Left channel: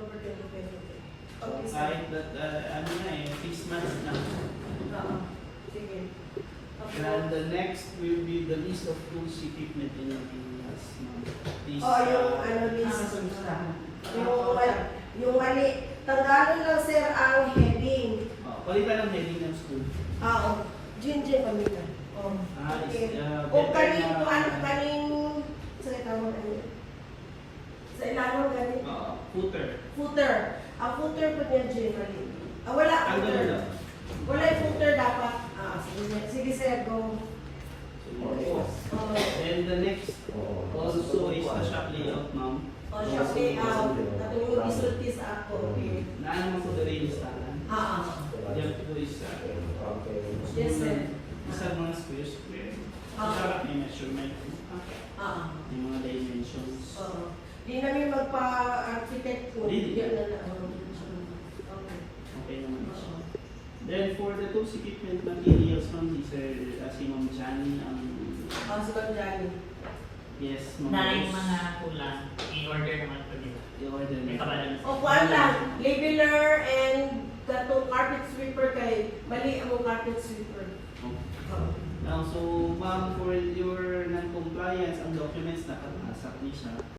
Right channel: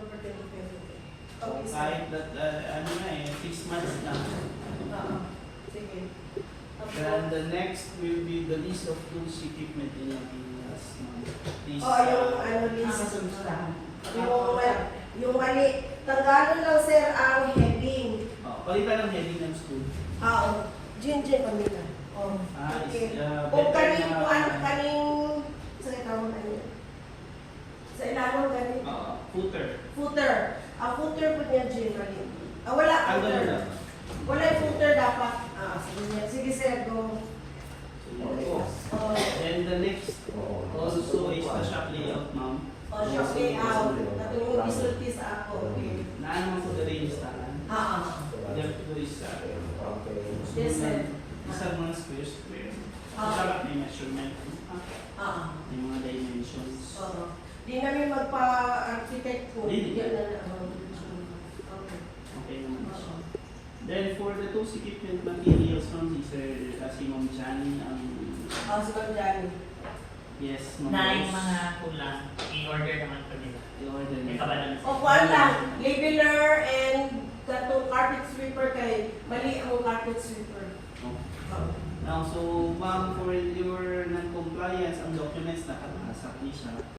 October 2023. So, Okay, sir. kahit that, ano na eh, 6 months na. Oo. Sige. Okay. And the next will be the list of tools equipment in the last month. Please, Oh, yung ano list. Ah, Yung mali. Tanggalin lang, sir, ang heading. palitan ng heading ng school. Oo. Jin kami na. Oh. Okay. Kung kaning sa ikaw sa ilalim galing. Footer. Footer. Ang footer po niya, Jin, kami. Wala Ang footer. gano'n lang. Wala yung footer dapat. Sige, sir, go. And the next also is the shop layout, ma'am. O siya, okay, natulong isulti sa ako. Naan mo ko dali yung stalan. Dito is Yes, sir. isang mga square. Sarap may measurement. Yung mga dimensions. Di namin magpa-architect po. Hindi. Yan na Okay naman siya. Then for the tools equipment materials, ma'am, si Sir Ma'am Johnny, Si Ma'am Johnny. yes, ma'am. Na yung mga kulang, i-order naman po nila. I-order May na. kabalan. O kuwan lang, labeler and katong carpet sweeper kay mali ang carpet sweeper. Now, so ma'am, for your non-compliance, ang documents nakatasak niya siya.